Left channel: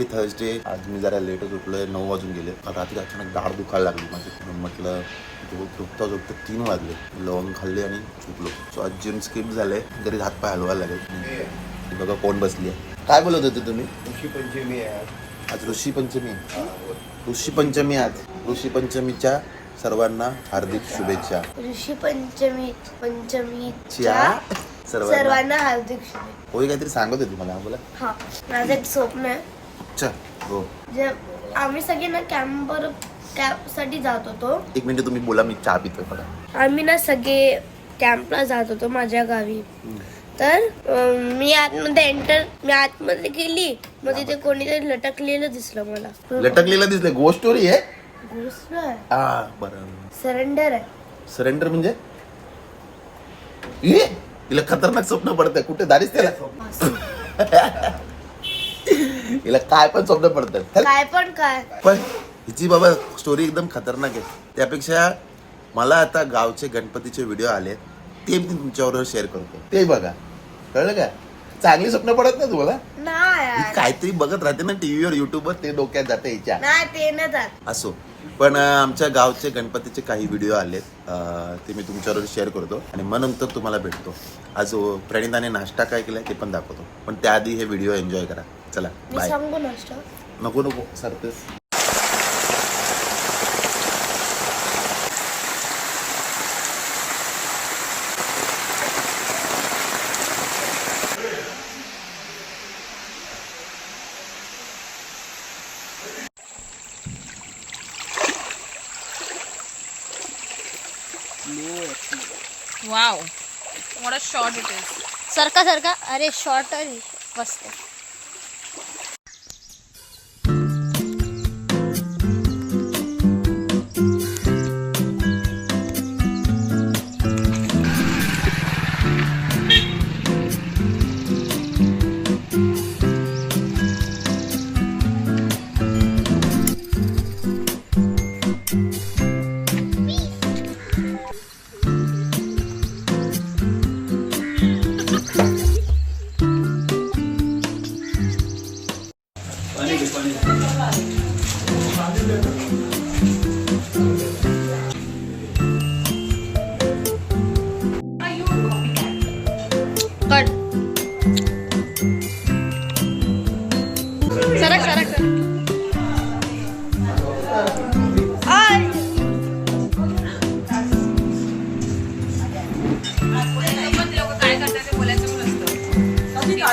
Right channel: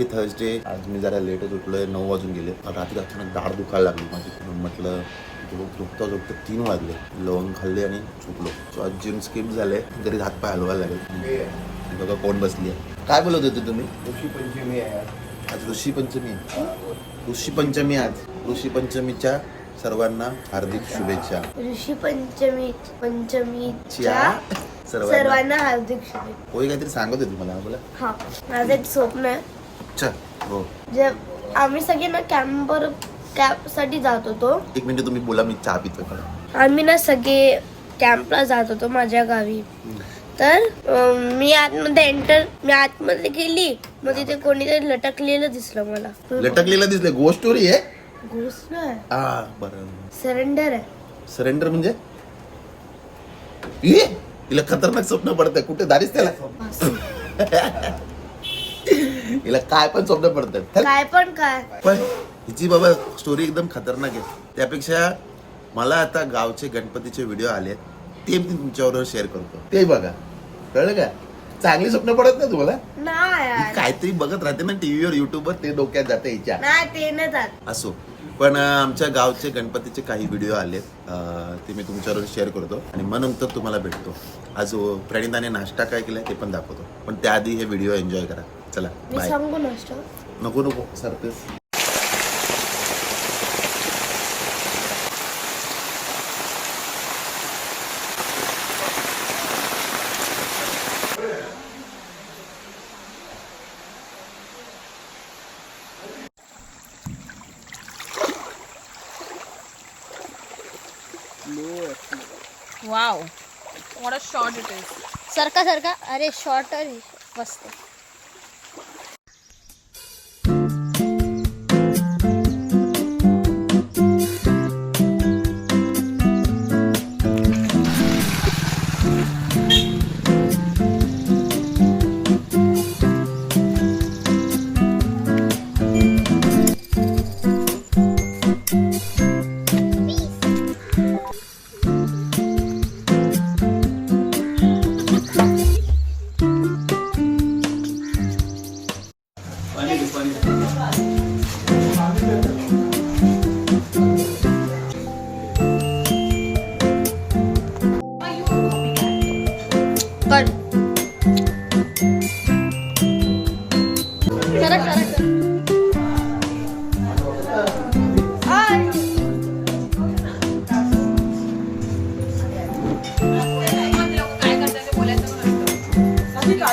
Happy Thursday आज मी जरा लेटच उठलोय नऊ वाजून गेले. रात्री अचानक दाढ दुखायला लागली माझी. म्हणून म्हटलं झोप झोपता झोपता तीन वाजले. लवंग खाल्ले आणि झोपलो. सो आज जिम स्किप झाले. घरी हात पाय हलवायला लागेल. हे. बघा कोण बसली आहे. काय बोलत होते तुम्ही? ऋषी पंचमी आहे आज. ऋषी पंचमी. ऋषी पंचमी आज. ऋषी पंचमीच्या सर्वांना हार्दिक शुभेच्छा. ऋषी पंचमी पंचमीच्या सर्वांना. हार्दिक शुभेच्छा. होय काहीतरी सांगत होती मला बोला. हा माझं एक स्वप्न आहे. अच्छा हो. जे आम्ही सगळे ना कॅम्पवर कॅम्पसाठी जात होतो. एक मिनिट तुम्ही बोला मी चहा पितोय बघा. आम्ही ना सगळे कॅम्पला जात होतो माझ्या गावी. तर अं, मी आतमध्ये एंटर मी आतमध्ये गेली. मग तिथे कोणीतरी लटकलेलं दिसलं मला. लटकलेला दिसले गो स्टोरी आहे? घुसलं हा बरं. सरेंडर आहे. सरेंडर म्हणजे? ये तिला खतरनाक स्वप्न पडतंय. कुठे? दारीच त्याला. हिला काय पण स्वप्न पडतात. काय पण काय पण हिची बाबा स्टोरी एकदम खतरनाक आहे. त्यापेक्षा मला आता गावचे गणपतीचे व्हिडिओ आले ते मी तुमच्याबरोबर शेअर करतो. ते बघा. कळलं का? चांगली स्वप्न पडत नाही तुम्हाला? ही. काहीतरी बघत राहते ना टीव्हीवर युट्यूबवर ते डोक्यात जाते हिच्या. नाही ते नाही जात. असो. पण आमच्या गावचे गणपतीचे काही व्हिडिओ आलेत अं, ते मी तुमच्याबरोबर शेअर करतो आणि मग नंतर तुम्हाला भेटतो. आज प्रणिताने नाश्ता काय केलाय ते पण दाखवतो. पण त्याआधी हे व्हिडिओ एन्जॉय करा. चला मी बाय सांगू नसतो नको नको सरतेस Wow. What a shot it is. सरका सरका. अरे शॉर्ट मस्त.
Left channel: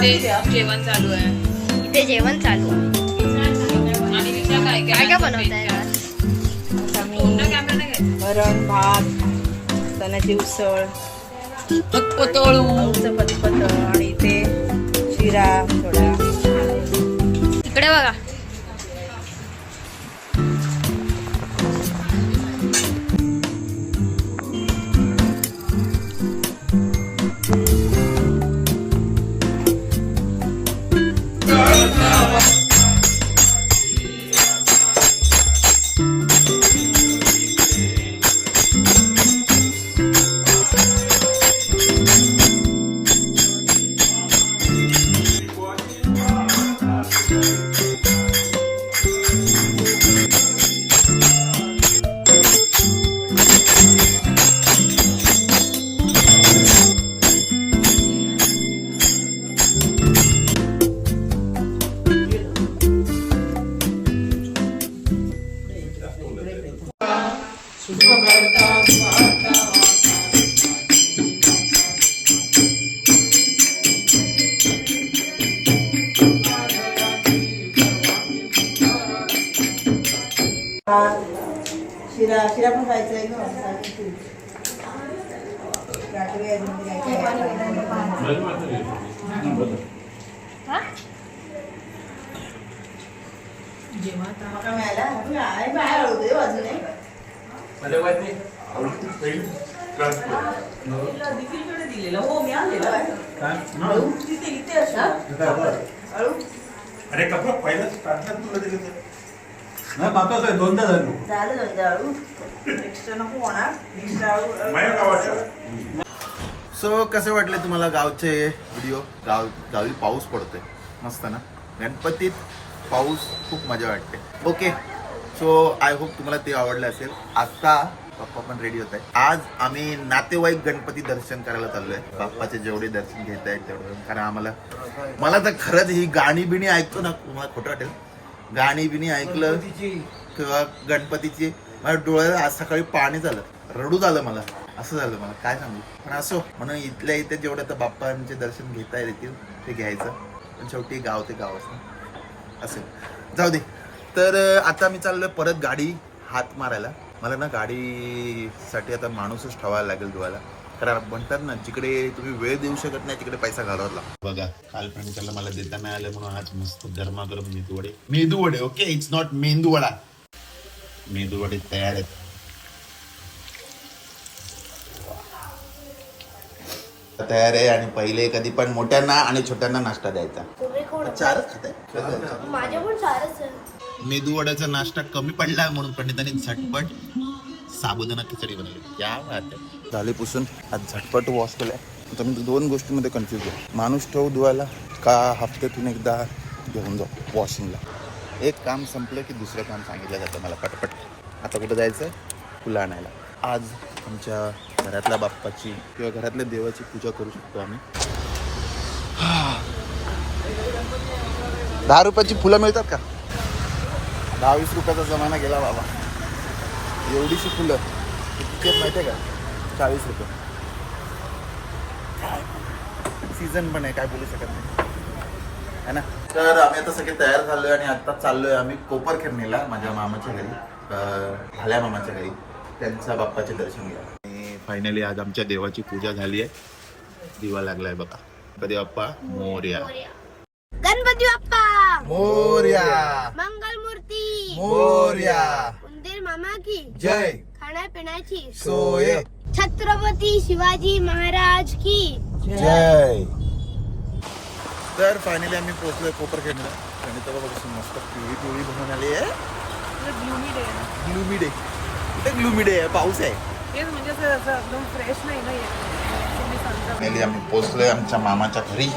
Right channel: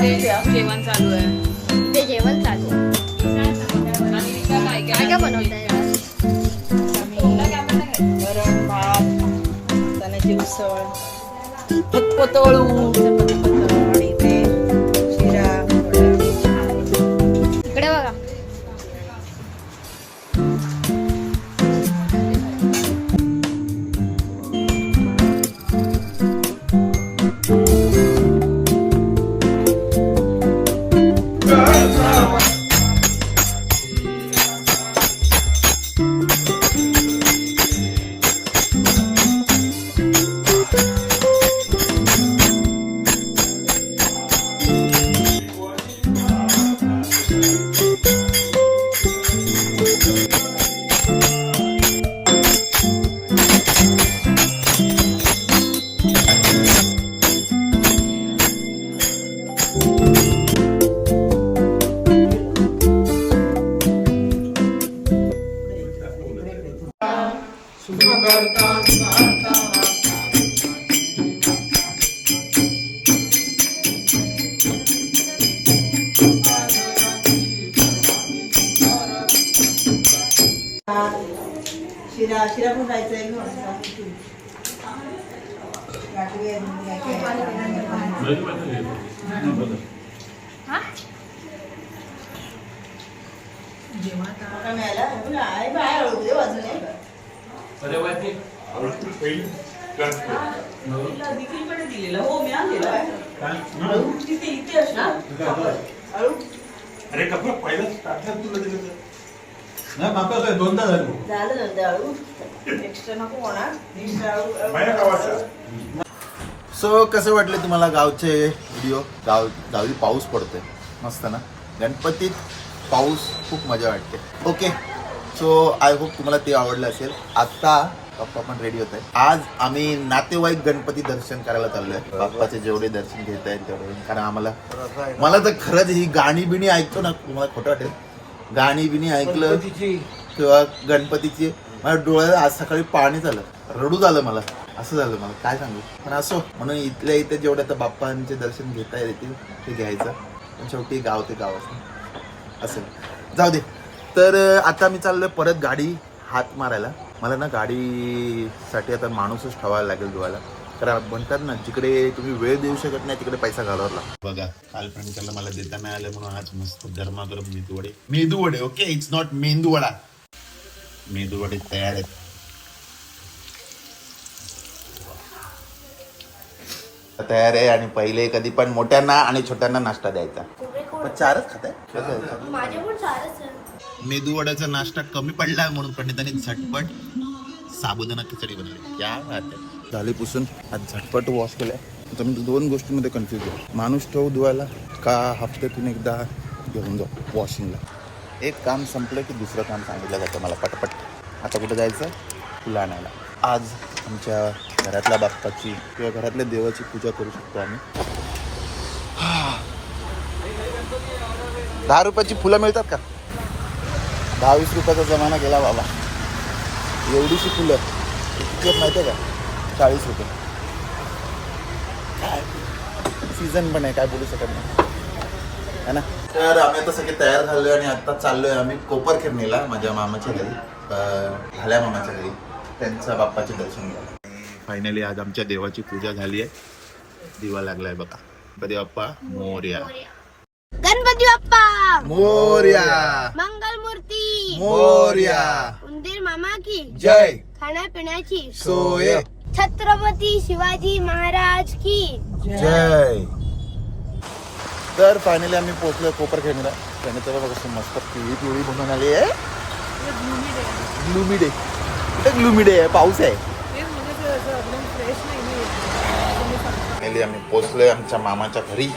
जेवण चालू आहे इथे जेवण चालू आहे. काय काय बनवताय. वरण भात चण्याची उसळ पतोळू दिलेलं हो मी आणलेलं आहे. हळू तिथे इथे असणार हळू अरे कपडा पहिलाच टाकला तुला दिलं तर नाही मात्र दोनदा झालो झालं झालं हळू एक्स्ट्रा नको होणार. सो कसे वाटले तुम्हाला गावचे व्हिडिओ गाव गावी पाऊस पडतोय. मस्त ना? गणपतीत पाऊस खूप मजा वाटते. ओके सो आय होप तुम्हाला ते आवडलं असेल. आता पप्पा पण रेडी होत आहे आज आम्ही नातेवाईक गणपती दर्शन करायला चाललोय. बाप्पाचे जेवढे दर्शन घेता येईल तेवढे. कारण आम्हाला मला तर खरंच ही गाणी बिणी ऐकतो ना तुम्हाला खोटं वाटेल. गाणी बिणी ऐकलं किंवा गणपतीची माझ्या डोळ्यात आज सकाळी पाणी झालं. रडू झालं मला. असं झालं मला. काय सांगू? पण असो. म्हणून इथल्या इथे जेवढं तर बाप्पांचे दर्शन घेता येतील ते घ्यायचं. पण शेवटी गाव ते गावच असेल जाऊ दे. तर आता मी चाललोय परत गाडी हात मारायला. मला ना गाडीसाठी आता माणूसच ठेवायला लागेल धुवायला. कारण म्हणतात ना जिकडे तुम्ही वेळ देऊ शकत नाही तिकडे पैसा घालवावा लागतो. बघा काल फ्रेंडला मला देता नाही आलं म्हणून आज मस्त गरमागरम मेदू वडे मेदू वडे ओके? इट्स नॉट मेंदू वडा मेदू वडे तयार आहेत. तयार आहे आणि पहिले कधी पण मोठ्यांना आणि छोट्यांना नाश्ता द्यायचा. चारच खात? माझे पण चारच आहे. मेदू वड्याचा नाश्ता कमी पडला म्हणून पंडितांनी झटपट साबुदाणा खिचडी बनवली. क्या झाली पुसून. आज झटपट वॉश केलं आता मी दोन गोष्टीमध्ये कन्फ्युज आहे. माणूस ठेवू धुवायला का हफ्त्यातून एकदा घेऊन जाऊ वॉशिंगला एक काम संपलं की दुसरं काम सांगितलं जातं मला पटपट. आता कुठं जायचं आहे फुलं आणायला. आज आमच्या घरातल्या बाप्पाची किंवा घरातल्या देवाची पूजा करू शकतो आम्ही. दहा रुपयाची फुलं मिळतात का? दहा वीस रुपयाचा जमाना गेला बाबा. एवढीशी फुलं. किती माहिती आहे का? चाळीस रुपये. सीझन पण आहे काय बोलू शकत नाही. है ना? तर आम्ही आता सगळे तयार झालोय आणि आता चाललोय आम्ही कोपरखेरणीला माझ्या मामाच्या घरी झाल्या भाल्या मामाच्या घरी. त्यांच्या बाप्पाचे दर्शन घ्या. आणि फायनली आज आमच्या देवाची पूजा झाली आहे. दिवा लागलाय बघा. कधी बाप्पा मोर्या. गणपती बाप्पा मोर्या. मंगल मूर्ती मोर्या. उंदीर मामा की. जय. खाण्यापिण्याची. सोय. छत्रपती शिवाजी महाराज की. जय. तर फायनली आम्ही पोहोचलोय कोपर खेळणीला त्याने तर बघा मस्त पिवळी पिवळी बनवून आली आहे. ग्लुमी डे ग्लुमी डे आहे पाऊस आहे. फायनली आम्ही पोहोचलोय आमच्या मामाच्या घरी.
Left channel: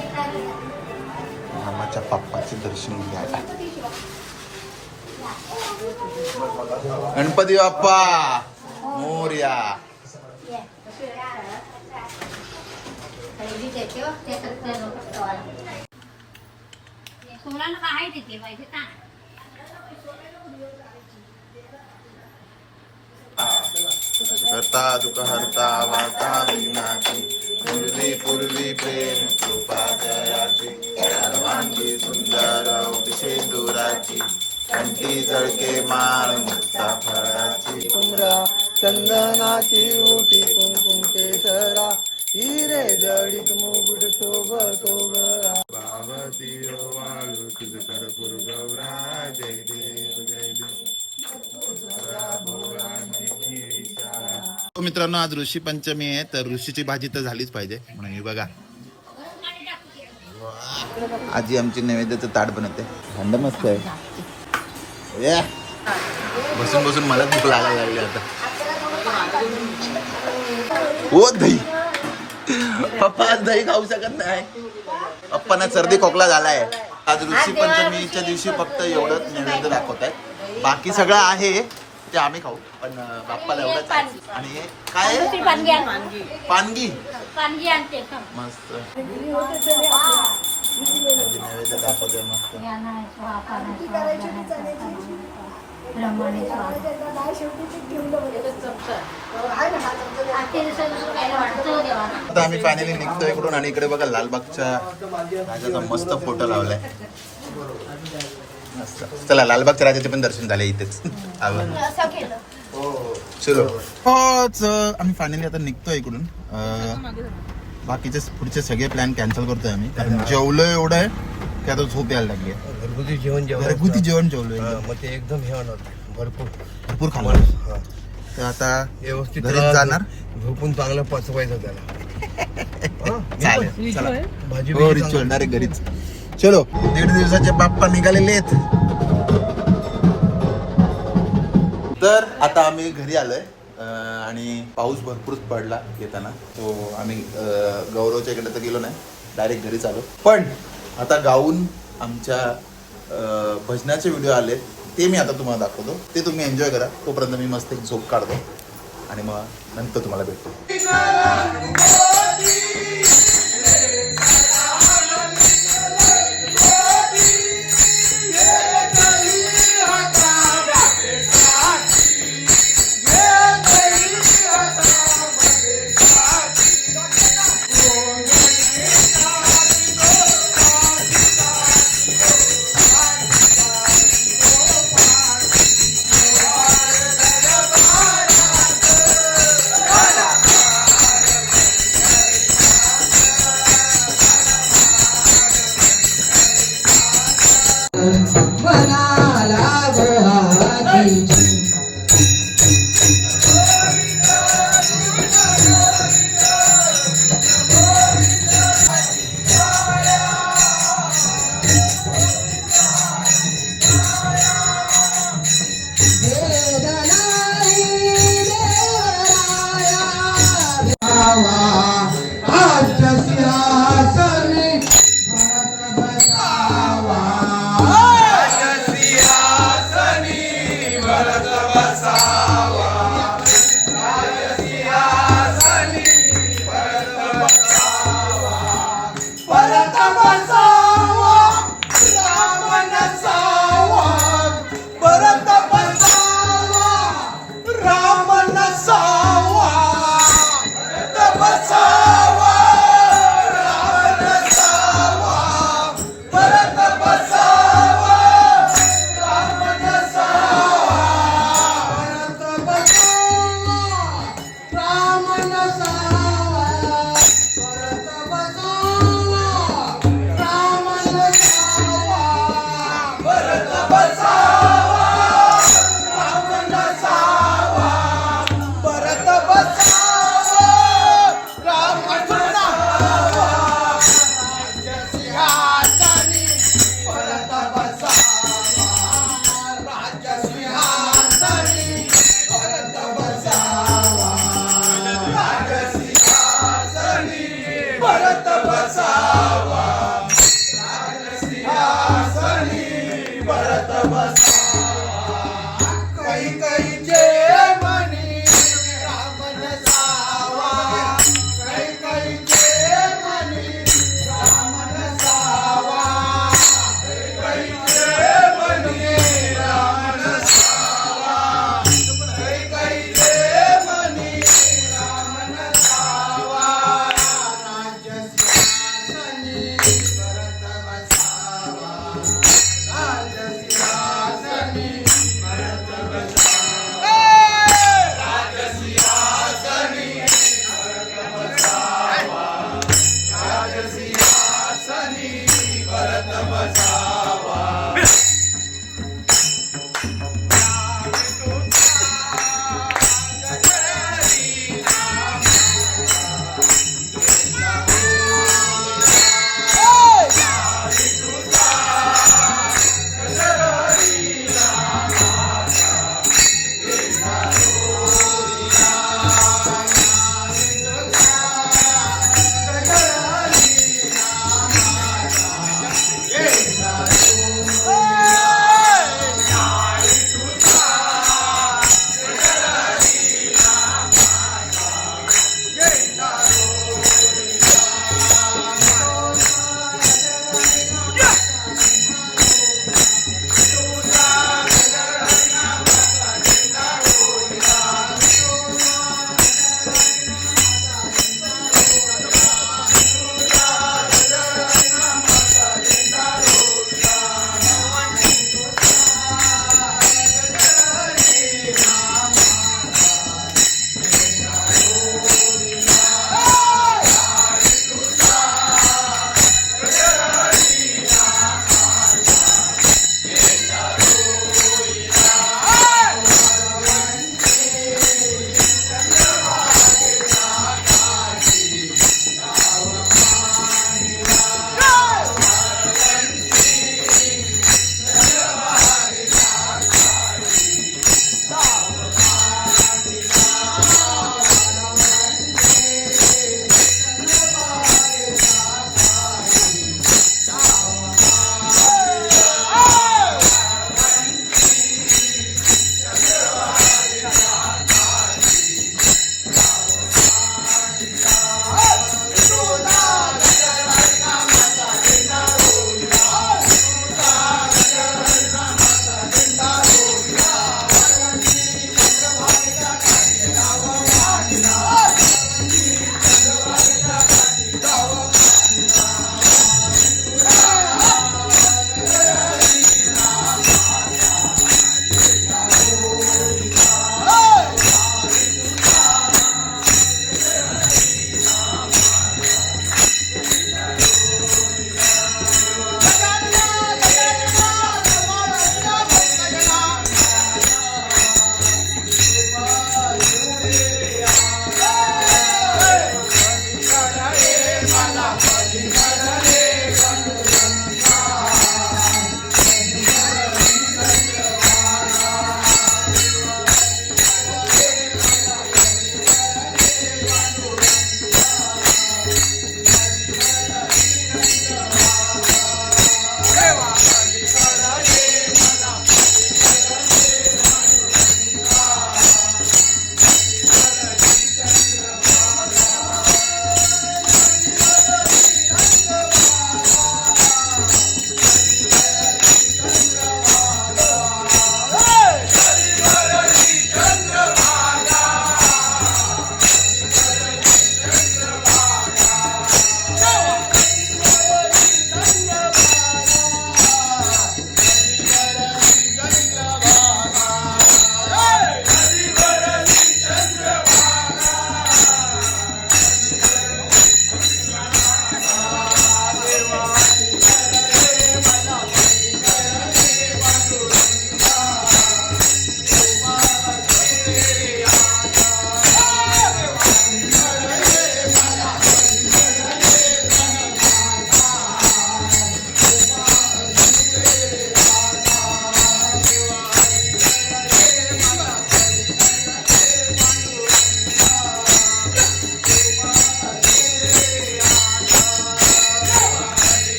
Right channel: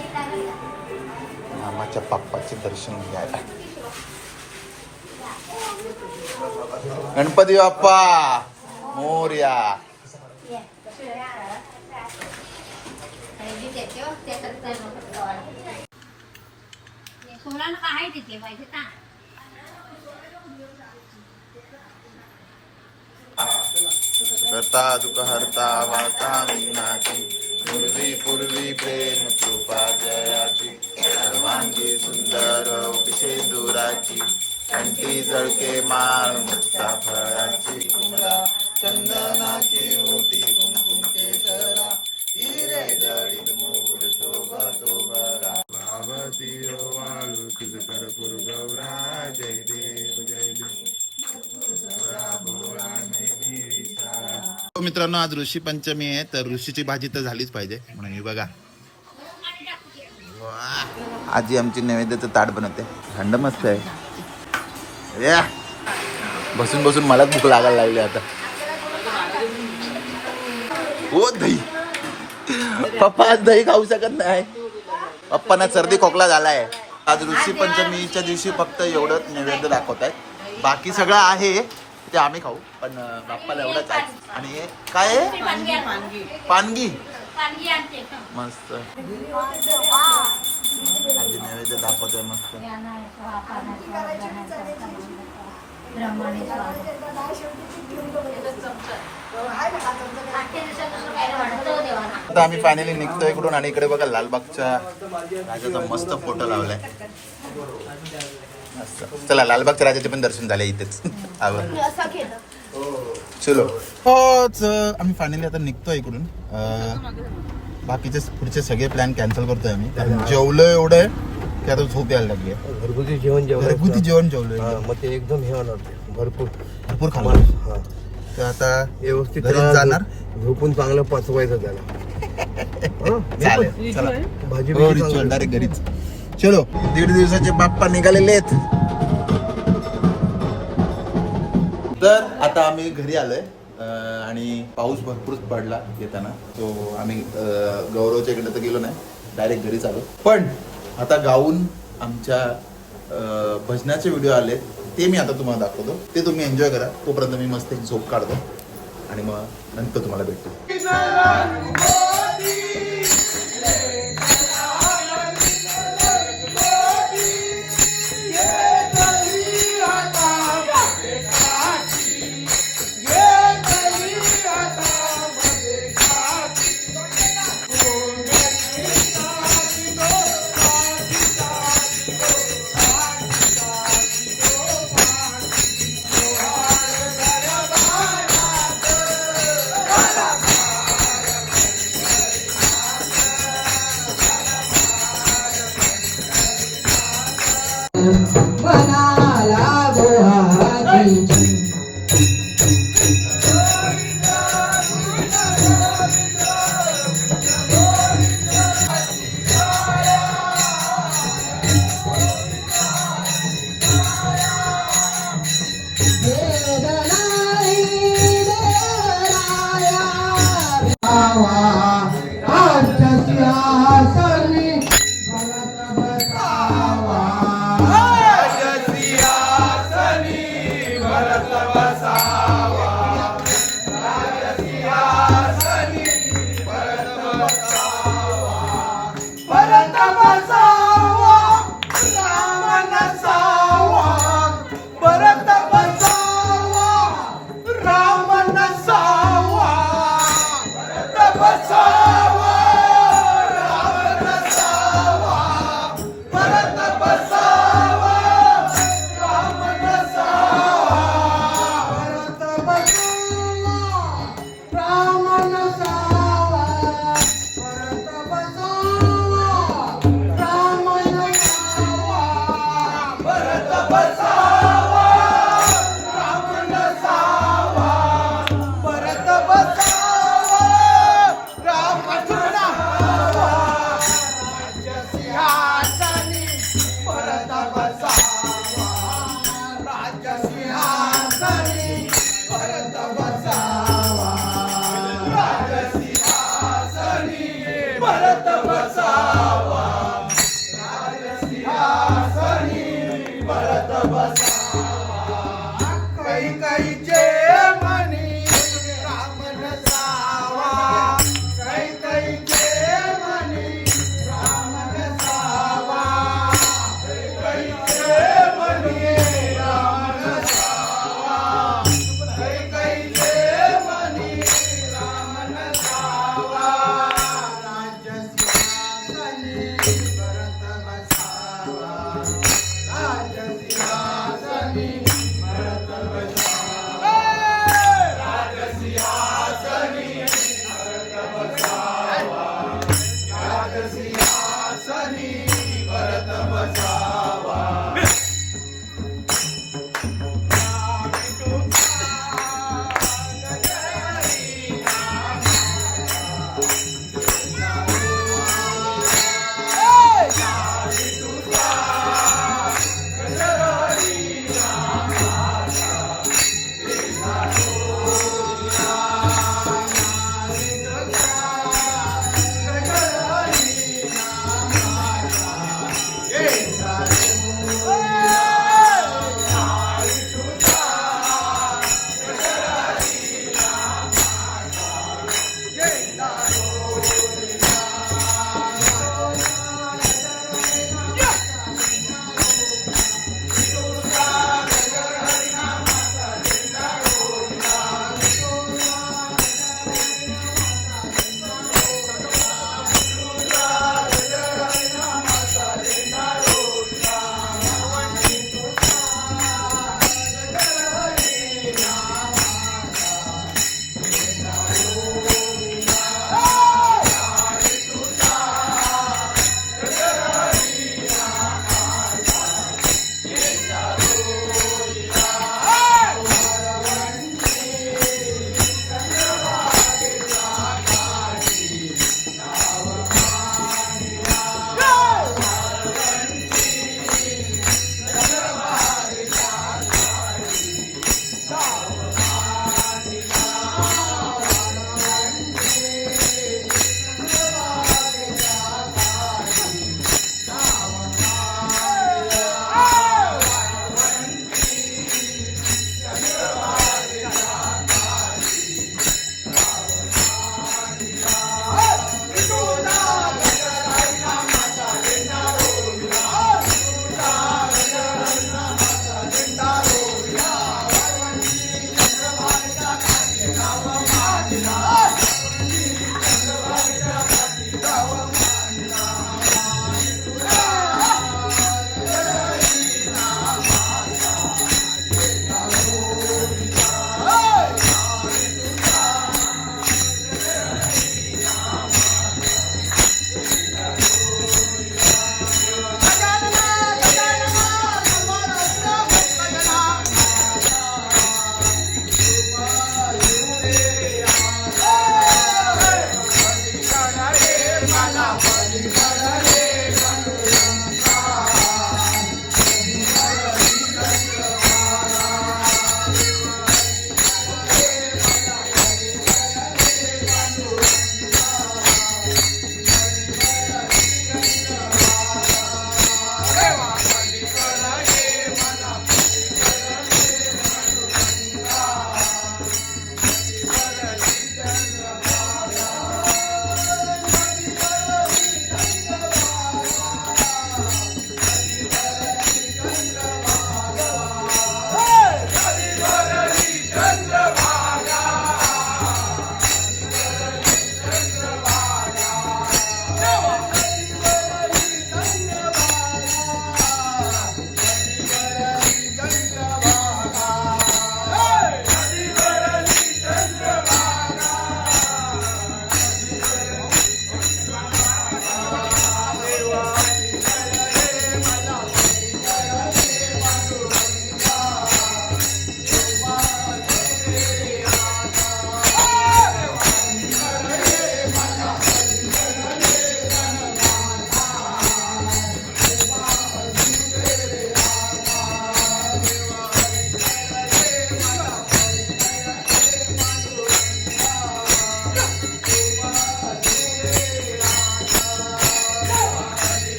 मामाच्या पप्पाचे दर्शन घ्यायला गणपती बाप्पा मोर्या. सोळा काय तिथे? पाहिजे का? करता दुःख हरता वाता विनाची पूर्वी पूर्वी प्रेम कृपा जयाची सर्वांगी सुंदर शेंदुराची कंठी जळके माळ मुक्ता फळाची. चंदनाची ओटी कुंकुम केसरा हिरे जडित मुकुट शोभ भावती वाळू कर गौरा जय देव जय देव. हो, मित्रांनो आज ऋषी पंचमी आहे तर ऋषीची भाजी तर झालीच पाहिजे. म्हणून हे बघा. आजी आमची तर ताट बनवते. थंड मस्त आहे. या. बसून बसून मला भूक लागायला लागली आता. हो दही. पप्पा आज दही खाऊ शकत नाही. पप्पाना सर्दी खोकला झालाय. आज ऋषी पंचमीच्या दिवशी फक्त एवढंच नैवेद्य दाखवत आहेत बाकी सगळं आहे. ते आम्ही खाऊ. पण बाप्पाला एवढंच आहे. आणि हे काय आहे? पानगी मस्त. आजी नैवेद्य दाखवतोय मस्त. काय आता आम्ही फायनली निघतोय इकडून आणि इकडे बघा लालबागच्या राजाचा मस्त फोटो लावलाय. मस्त चला लालबागच्या राजाचे पण दर्शन झाले इथेच. चलो. होच आम्ही फायनली आता निघतोय इकडून. बाकीचे पुढचे सगळे प्लॅन कॅन्सल करतोय आम्ही. कारण जेवलो एवढं आहे की आता झोप यायला लागली. घरगुती जेवण जेवण घरगुती जेवण जेवलोय हा, एकदम. मग ते एकदम हे होणार. भरपूर. भरपूर हा. तर आता व्यवस्थित घरीच जाणार? झोपून चांगलं पचवायचं त्याला. चालेल चला. भाजी हो. डायरेक्ट घरीच. चलो. दीड दिवसाचे बाप्पा निघालेले आहेत. तर आता आम्ही घरी आलोय आणि पाऊस भरपूरच पडला येताना. तो आम्ही गौरवच्या इकडे तर गेलो नाही डायरेक्ट घरीच आलो. पण आता गाऊन आमच्या भजनाचे व्हिडिओ आले ते मी आता तुम्हाला दाखवतो. ते तुम्ही एन्जॉय करा. तोपर्यंत मी मस्त एक झोप काढतो आणि मग नंतर तुम्हाला भेटतो. And when I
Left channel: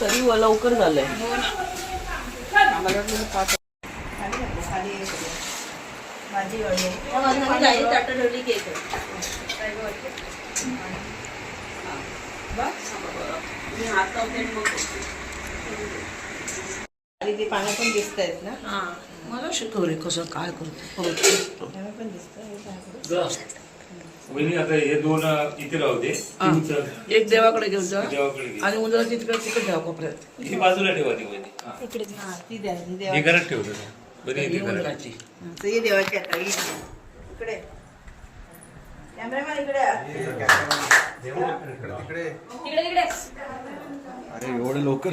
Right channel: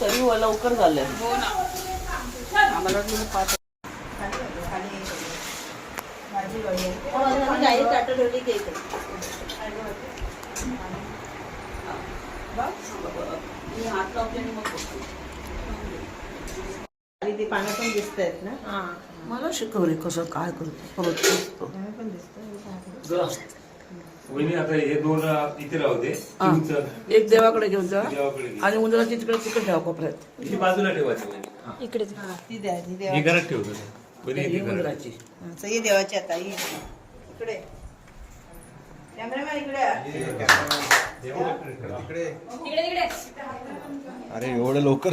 तरी व लवकर झालंय. हो आम्हाला पाच ताटं ठेवली की येते. बघ. मी हात लावते आणि मग बघते. आणि ते पानं पण दिसत आहेत ना मला शिकव रे कसं काय करतो पण दिसतं वहिनी आता हे दोन इथे राहते एक देवाकडे घेऊन जा. देवाकडे घे. आणि उंदराची तिकडे तिकडे ठेवा कोपऱ्यात. ही बाजूला वहिनी. हा. हा, ती द्या ती हे देवा घरात ठेवतो. घरात ही देवाची आता ही. इकडे. कॅमेरामॅन इकडे आ. अरे एवढं लवकर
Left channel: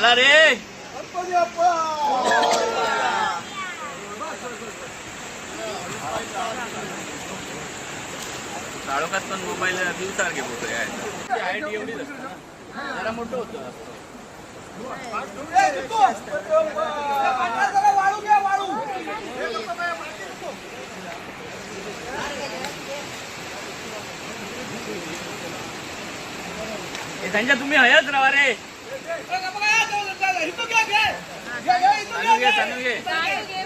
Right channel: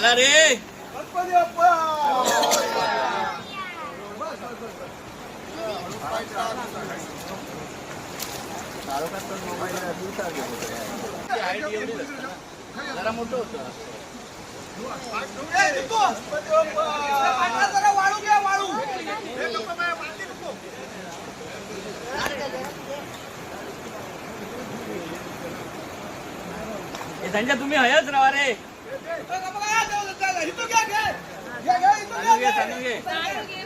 चला रे. काळोखात पण मुंबईला दिवसासारखे फोटो आहे हे संजय तुम्ही हयच राहा रे. चालू घे चालू घे हे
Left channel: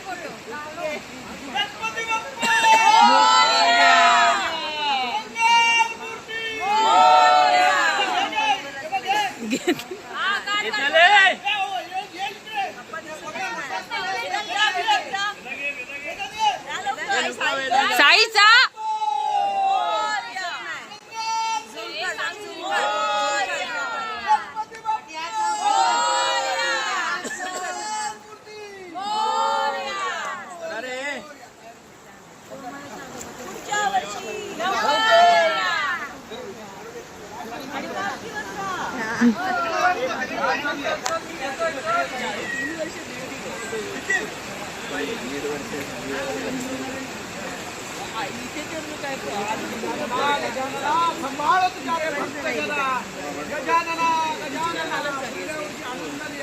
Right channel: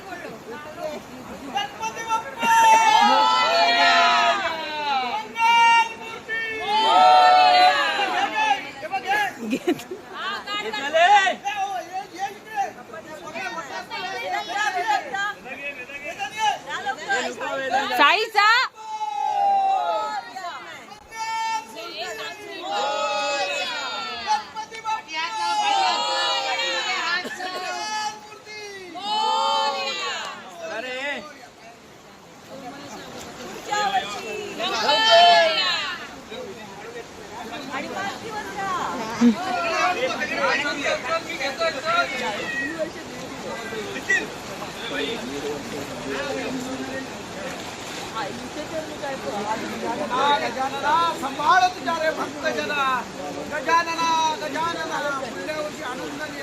ಗಜಾನನ ಸಂಭಾಳತ್ ಜಾರೆ ಭಕ್ತ ಜನ ಗಜಾನನ ಗಜಾನನ ಒಳ್ಳೆಯವರಿಗೆ ಆನಂದ ಆನಂದ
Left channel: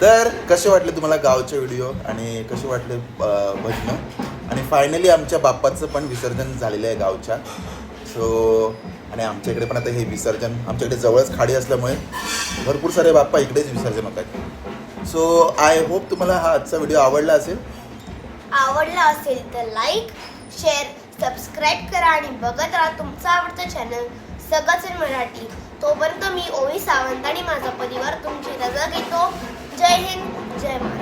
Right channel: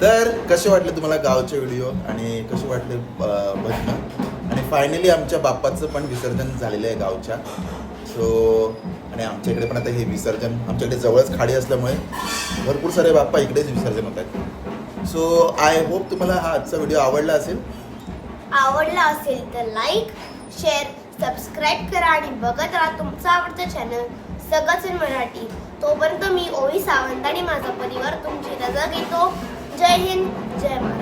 तर कसे वाटले तुम्हाला गावचे व्हिडिओ आणि कसे वाटले भजनं? आणि फायनली आमच्या बाप्पाचं पण विसर्जन झालेलं आहे गावच्या. सो आणि आमच्या इकडे पण आता हे विसर्जन आमच्याकडे जवळच खाडी असल्यामुळे भरपूर सारे बाप्पा इकडेच विसर्जन होतात. सो आय होप तुम्हाला हा आजचा व्हिडिओ आवडला असेल. आवडला असेल तर लाईक शेअर सबस्क्राईब करा आणि बघत राहा तुमचं आवडतं चॅनल सगळंच मराठी. तोपर्यंत मी ओवी सावंत आणि माझा परिवार तुमची रजा घेतो जय हिंद जय महाराष्ट्र